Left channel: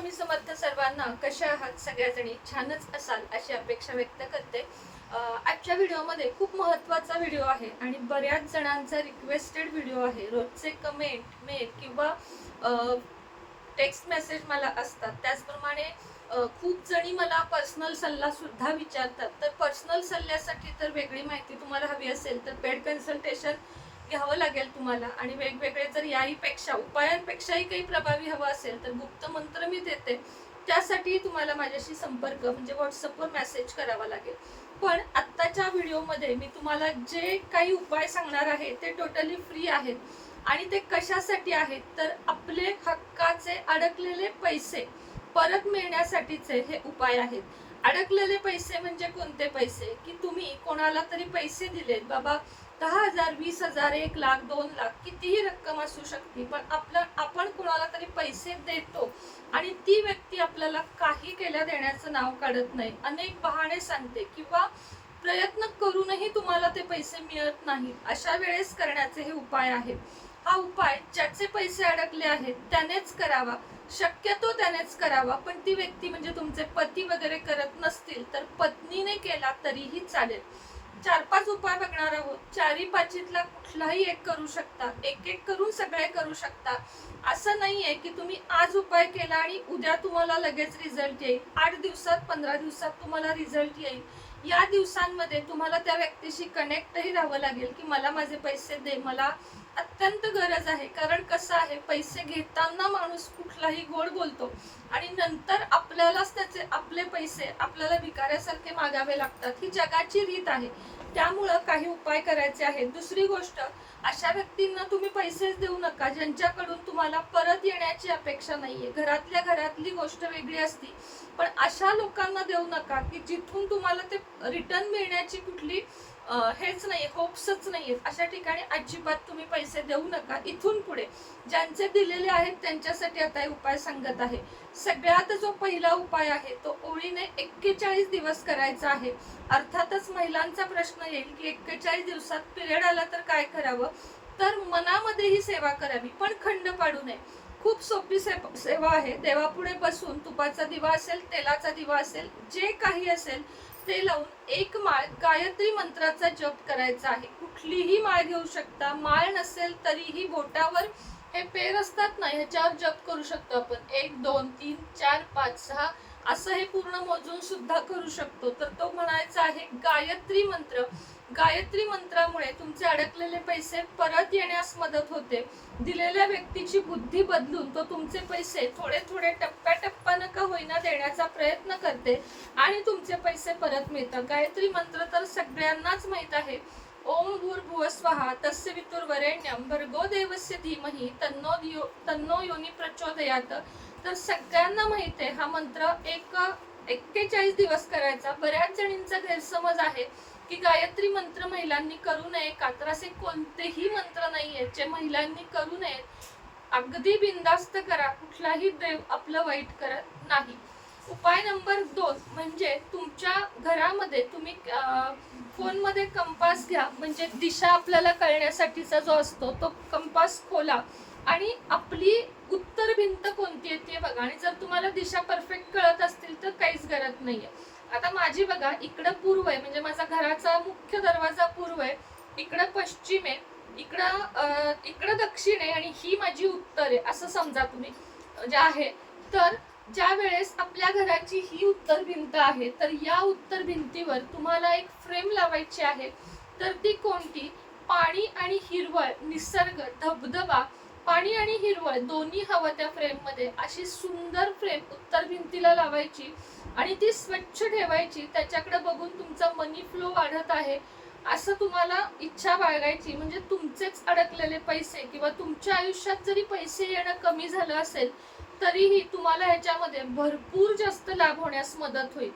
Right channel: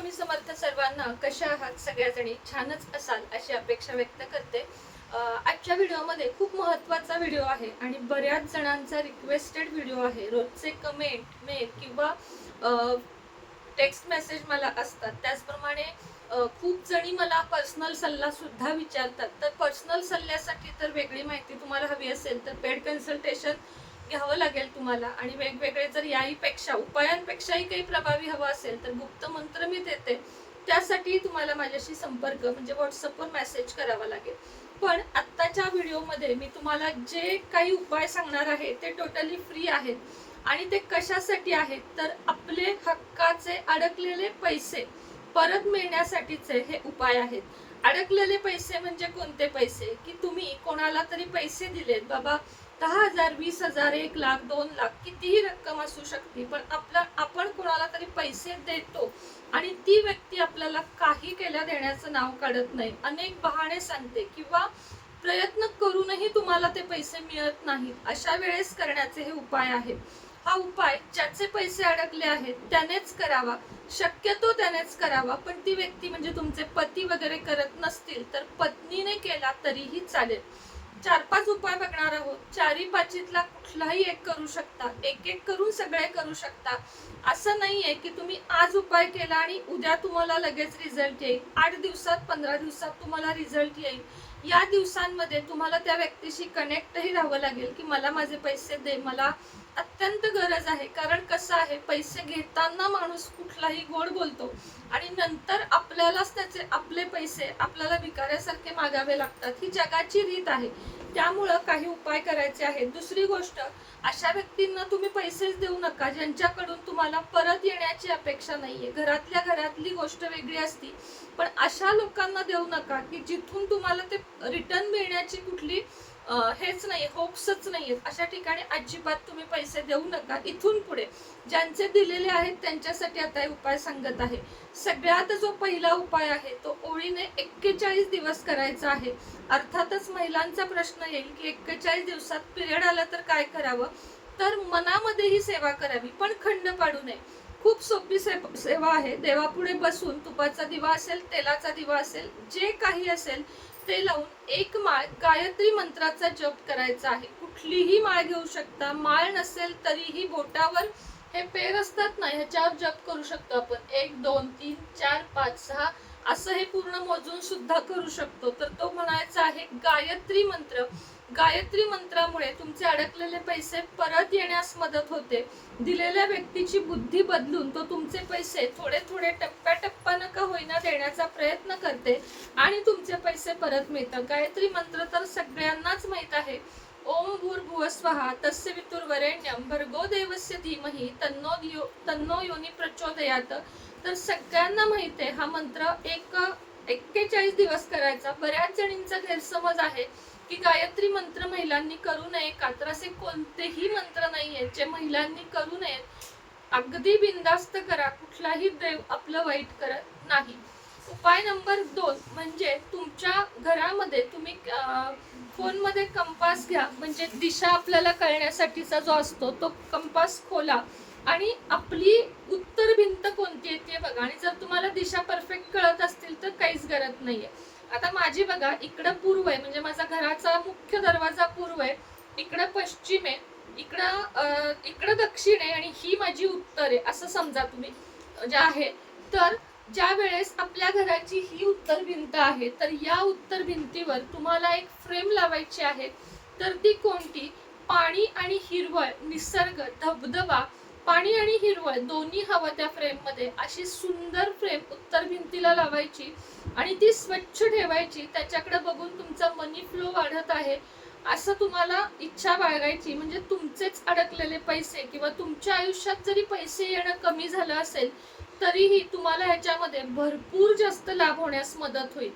स्वामी समर्थ सर्वांना. कशा आहात सगळ्याजणी? छानच असाल अशी अपेक्षा व्यक्त करते. आजच्या व्हिडिओमध्ये खूप महत्त्वाचा व्हिडिओ आहे आणि बऱ्याच जणांचा रिक्वेस्टेड व्हिडिओ आहे. रोजचे कमेंट मेल किंवा टेक्स्ट मेसेज मला असतात. त्याचप्रमाणे खूप जणी मला पर्सनल सल्ला सुद्धा विचारतात. तर पर्सनल सल्ल्यासाठी तर वेगळी माहिती तुम्हाला हवी असेल तर पेड कन्सल्टेशन घ्यावं लागेल तुम्हाला. आणि वेगवेगळे जर याहीपेक्षा उपायांपेक्षाही काही प्रभावी हवा असेल तर गुप्त मंत्र मी देते. त्यासाठी तुम्हाला माझ्याशी संपर्क म्हणजे व्हॉट्सअपवर मेसेज करावा लागेल. पण आत्ताच्या व्हिडिओमध्ये मी तुम्हाला जे काही उपाय सांगणार आहे ते टोटली फ्री आहेत. आणि ते कशासाठी आहेत तर आपले हक्काचे अडकलेले पैसे परत मिळण्यासाठीचे हे उपाय आहेत. अडकलेले पैसे म्हणजे कोणते पैसे की तुम्ही कोणाला तरी पैसे दिलेत बाबा, 10,000 20,000 1 लाख 2 लाख कितीही रक्कम असू शकते, पण आपण कोणाला तरी पैसे देतो आणि ती व्यक्ती आपल्याला काही केल्या देण्याचं नाव काढत नाही, अनेक बहाणे सांगते किंवा प्रयत्न करूनही तुम्हाला ते पैसे मिळत नाही. अशा वेळेस करण्याचे हे उपाय आहेत. हा उपाय ज्याचे पैसे अडकले आहेत त्यानेच करावा, शक्यतो त्यानेच करावा. पण ती व्यक्ती म्हणजे तुमचे पती वगैरे करत नसतील तर पत्नीने केला तरीही चालेल. 4-5 उपाय बघणार आहोत. 4-5तला कुठलाही एक करू शकता, एक एक करून सगळे करू शकता. असं नाहीये की तुम्ही आज उपाय केला आणि उद्या तुम्हाला लगेच रिझल्ट येईल. 8 दिवसात 15 दिवसात तुम्हाला रिझल्ट येईल. या दिवसांमध्ये तुम्हाला त्या व्यक्तीशी कनेक्टही राहावं लागेल की मला माझे पैसे दे, मला अत्यंत गरज आहे. कारण कसं आहे, पैसे घेताना माणूस कुठलाही गोड बोलतो आणि नंतर आपल्यालाच त्याचे आपले पैसे आपल्याला भिकाऱ्यासारखे मागावे लागतात. ही जगाची रीत आहे. त्यामुळं काही उपाय करायचे आहेत. दुसरी गोष्ट, अशा व्यक्तींना तुम्ही पैसेच देऊ नका ज्यांच्याकडून तुम्हाला परत येण्याची अपेक्षा नाहीये. घरातल्या घरातली गोष्ट वेगळी असती, पण अशा लोकांना देऊ नका की जिथून तुम्हाला ते रिटर्न मिळण्याची कुठली हेच नाही, होप्सच नाहीये. अशा ठिकाणी अजिबात तुम्ही पैसे देऊ नका. इथून पुढे ज्यांचे दिलेले आहेत त्यांच्यासाठी आता उपाय सांगत आहे. सगळ्यात जो पहिला उपाय आहे तो ओळीने 41 दिवस करायचा आहे. अर्थातच महिलांचा प्रश्न येईल की 41 दिवसात पिरियड आला तर काय करावं. तर मनामध्ये ही सेवा करावी, पण खंड पाडू नये. खूप सोपी सेवा आहे. देवापुढे बसून तुपाचा दिवा असेल, तेलाचा दिवा असेल, जे काही असेल ते लावून एक माळ गायत्री मंत्राचा जप करायचा आहे. कुठलीही माळ घेऊ शकता. माळ नसेल तरीही बोटावर हे पेर असतात ना, ह्याच्यावर जप करू शकतो आपण. 1 2 3 4 5 6 असं हे पूर्ण मोजून सुद्धा करू शकतो. तर तो म्हणायचा आहे गायत्री मंत्र. गायत्री मंत्रामुळे तुमचे अडकलेले पैसे परत येण्यास मदत होते. दिलेल्या व्यक्तीची बुद्धी बदलून तो तुमचे पैसे थोडे थोडे टप्प्याटप्प्यानं का होईना देण्याचा प्रयत्न करते आणि तुमचे पैसे परत मिळतात. गायत्री मंत्र तर सगळ्यांनाच माहित आहे. ओम भूर्भुवः स्वः तस्य वितुर्वरेण्यं भर्गो देवस्य धीमहि तन्नो योनी प्रचोदयात. तर सगळ्यांना माहित आहे हा मंत्र 41 दिवस करायचा. बऱ्याच जणींचा गैरसमज आहे की गायत्री मंत्र महिलांनी करू नये का, तर असे कोणतेही मंत्र नाहीये जे महिलांनी करू नये. अगदी बिनधास्त करा, कुठलाही देव आपलं वाईट करत नाही. उपाय नंबर 2 म्हणजे तुमच्या घरामध्ये तुम्ही फोनमध्ये कंपास घ्या. म्हणजे दिशा आपल्याला कळण्यासाठीचा जो असतो तो कंपास खोला आणि आपली उत्तर भिंत कोणती आहे ते बघा. आणि जर तुम्हाला दिशा परफेक्ट कळत असतील तर काहीच गरज नाहीये. आता माझी बघा, इकडं पूर्व आहे म्हणजे माझा घराचा मुख्य दरवाजा पूर्व आहे, इकडं पश्चिम आहे, इकडं दक्षिण आहे आणि ही माझी उत्तर आहे असं समजा तुम्ही जे आहे. तर ज्या वेळेस आपल्या घराची ही उत्तर भिंत आहे तर या उत्तर भिंतीवर तुम्हाला एक फ्रेम लावायची आहे. तर ती कोणती? पाणी आणि हिरवळ, निसर्ग, धबधबा, पाणी आणि हिरवळ दोन्ही हवं त्या फ्रेम मध्ये. अशी सुंदर फ्रेम उत्तर भिंतीला लावायची आणि ती स्वच्छ ठेवायची. त्याच्याकडे बघून तुमचा मनी फ्लो वाढत आहे असं तुम्हाला इच्छा बाळगायची. म्हणजे तुमचेच अडकलेले पैसे किंवा तुमच्या आयुष्यात जरी पैसे येणं कमी झालं असेल तरीही तुम्हाला ह्याच्यामध्ये भरपूर जास्त लाभ होण्यास मदत होईल.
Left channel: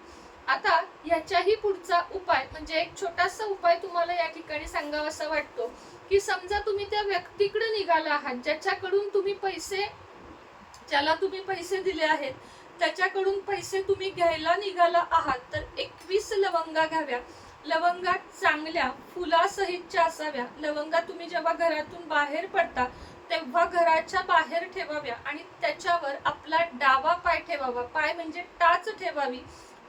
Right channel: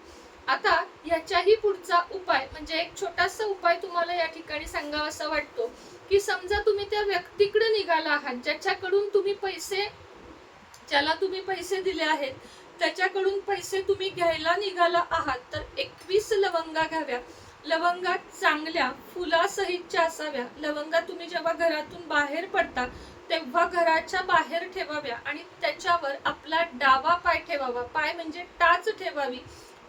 आता ह्याच्याही पुढचा उपाय म्हणजे एक छोटासा उपाय तुम्हाला या ठिकाणी सांगावासा वाटतो की समजा तुम्ही त्या व्यक्तीकडे निघाला आहात ज्याच्याकडून तुम्ही ज्याला तुम्ही पैसे दिले आहेत त्याच्याकडून पैसे तुम्ही घ्यायला निघाला आहात. तर 21 लवंगा घ्याव्या. लवंगा चांगल्या फुलासहितच्या असाव्या. लवंगा तुम्ही जेव्हा घरातून बाहेर पडता तेव्हा घराच्या बाहेर ठेवाव्या आणि त्याच्यावर आपला डावा पाय ठेवावा. ठेवावा, पाय म्हणजे टाच ठेवावी,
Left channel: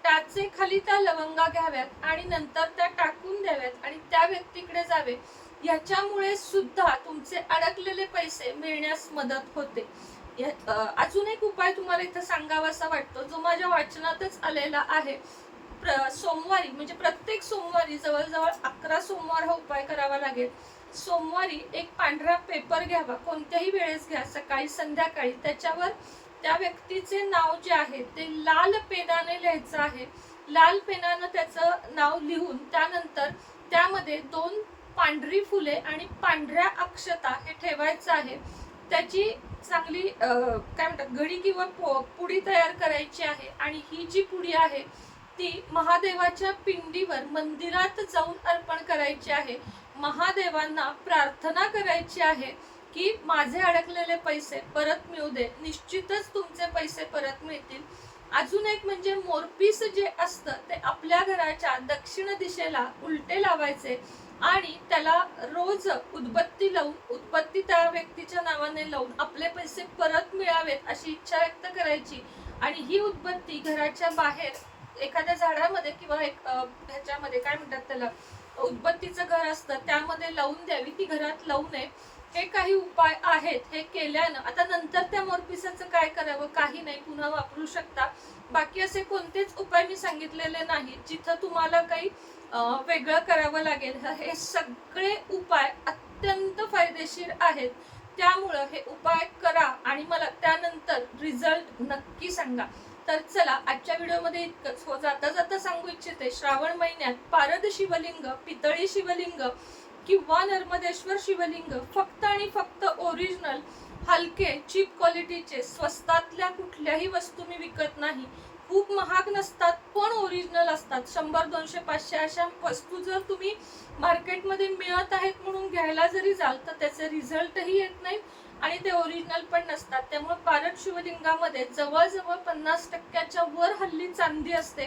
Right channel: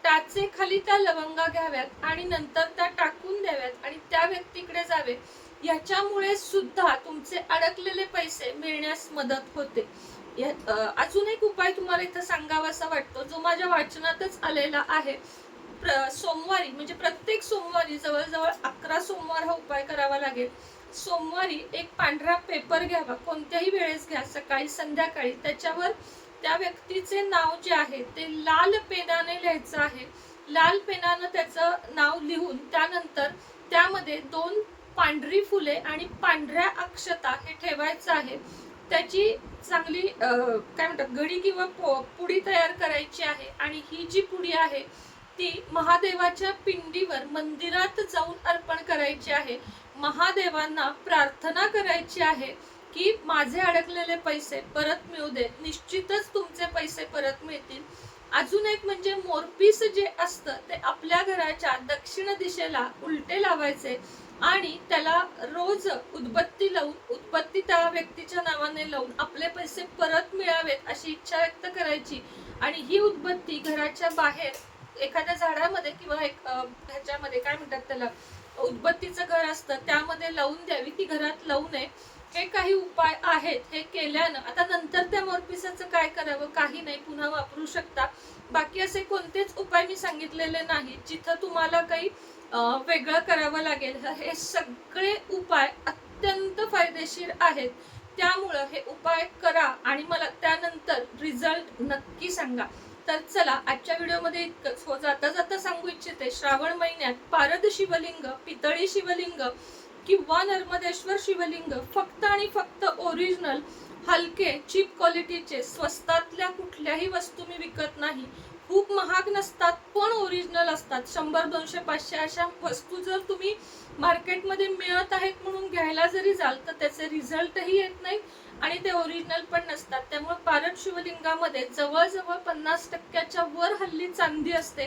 टाचे खाली त्या लवंगा घ्याव्यात आणि नंतर त्या टाकून द्याव्यात आणि त्या व्यक्तीकडे जावे. याच्यामुळे सुद्धा तुमचे अडकलेले पैसे मिळण्यास मदत होते. अजून एक उपाय तुम्हाला इथं सांगावासा वाटतो, जो माझ्या वाचनातच आलेला आहे. सोमवारी म्हणजे प्रत्येक सोमवारी जवळजवळ 11 सोमवार हा उपाय करावा लागेल. सोमवारी एक पांढरा पेपर घ्यावा, कोणत्याही वेळेस घ्या, सकाळी संध्याकाळी. त्याच्यावर त्या व्यक्तीचे नाव जे आहे ते लाल पेनाने लिहायचं आहे. लाल पेनानं त्याचं नाव लिहून त्यानंतर त्यामध्ये 2 पांढरी फुले आणि पांढऱ्या अक्षता हे ठेवायचं आहे. त्याची चांगली काय म्हणतात घडी किंवा पुडी तयार करायची आहे आणि ही जी पुडी आहे ती महादेवाच्या पिंडीवर मंदिरात जाऊन अर्पण करायची आहे. महादेवांना प्रार्थना करायची आहे की माझे अडकलेले पैसे परत मिळू दे. निश्चितच तुमचे पैसे परत मिळतील. अजून एक म्हणजे मोरपीस जे असतं ते आपल्या घराच्या दक्षिण दिशेला उलटे लावायचे आणि त्याला रोज उदबत्ती लावून, उदबत्ती त्या व्यक्तीच्या नावाने लावून आपले पैसे परत मिळावेत अशी इच्छा व्यक्त करायची आणि ही उदबत्ती घराच्या बाहेर एखाद्या झाडामध्ये किंवा एक ह्याच्यामध्ये काय म्हणतात त्याला, उदबत्तीचं घर असतं त्यामध्ये लावून द्यावी. ती घरात लावू नये. हे काही उपाय आहेत. हे केल्यानं आता नंतर त्या मोरपिसाचं काय करावं, काही नाही, पुन्हा वापरू शकता. बाकी असे कोणतेच उपाय मी सांगितलेले नाही जिथं तुम्हाला काही वेगळं करावं लागेल. हे सगळे उपाय अत्यंत फायदेशीर आहेत. त्यामुळं हे उपाय करा आणि मला त्यानंतर रिझल्ट नक्की सांगा. तर चला आजच्या व्हिडिओमध्ये इतकंच. हो, जाता जाता सांगू इच्छिते, श्रावण महिन्यात पारद शिवलिंग, पितळी शिवलिंग किंवा नर्मदेश्वर शिवलिंग फक्त आणि फक्त ओरिजिनल, हलके, चीप क्वालिटीचे, स्वस्तातल्या कुठल्याही वस्तू मी विकत नाही. खूप महाग नसतात पण ओरिजिनल असतात. 100, 200, 500 अशा वस्तू जर तुम्ही मार्केटमध्ये मिळत आहेत म्हणून घ्यायला जरी जाल तर त्याचे रिझल्टही येत नाही आणि ते ओरिजिनल पण नसतात. त्यामुळे पारद शिवलिंगामध्ये जवळजवळ 50% वर हल्ली चांदी असते.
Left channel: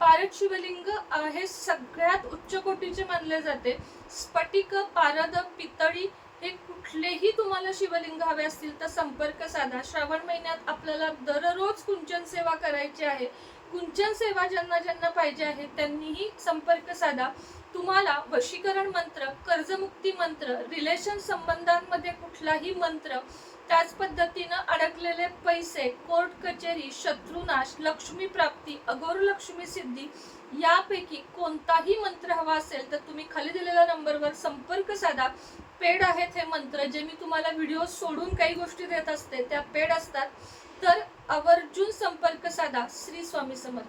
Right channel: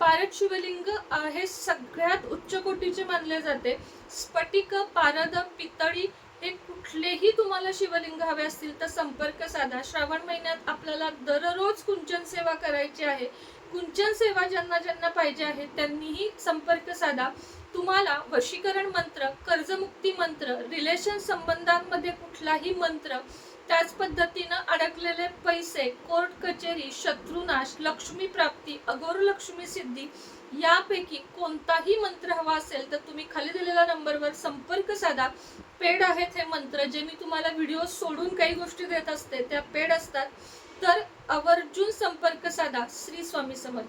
पारद शिवलिंग हे सगळ्यात उच्च कोटीचे मानले जाते. स्फटिक, पारद, पितळी हे कुठलेही तुम्हाला शिवलिंग हवे असतील तर संपर्क साधा. श्रावण महिन्यात आपल्याला दररोज कुंचन सेवा करायची आहे. कुंचन सेवा ज्यांना ज्यांना पाहिजे आहे त्यांनीही संपर्क साधा. तुम्हाला वशीकरण मंत्र, कर्जमुक्ती मंत्र, रिलेशन संबंधांमध्ये कुठलाही मंत्र, त्याच पद्धतीनं अडकलेले पैसे, कोर्ट कचेरी, शत्रुनाश, लक्ष्मी प्राप्ती, अघोर लक्ष्मी सिद्धी यापैकी कोणताही मंत्र हवा असेल तर तुम्ही खाली दिलेल्या नंबरवर संपर्क साधा. पेड आहेत हे मंत्र, जे मी तुम्हाला व्हिडिओ सोडून काही गोष्टी देत असते त्या पेड असतात. तर आवर्जून संपर्क साधा. श्री स्वामी समर्थ.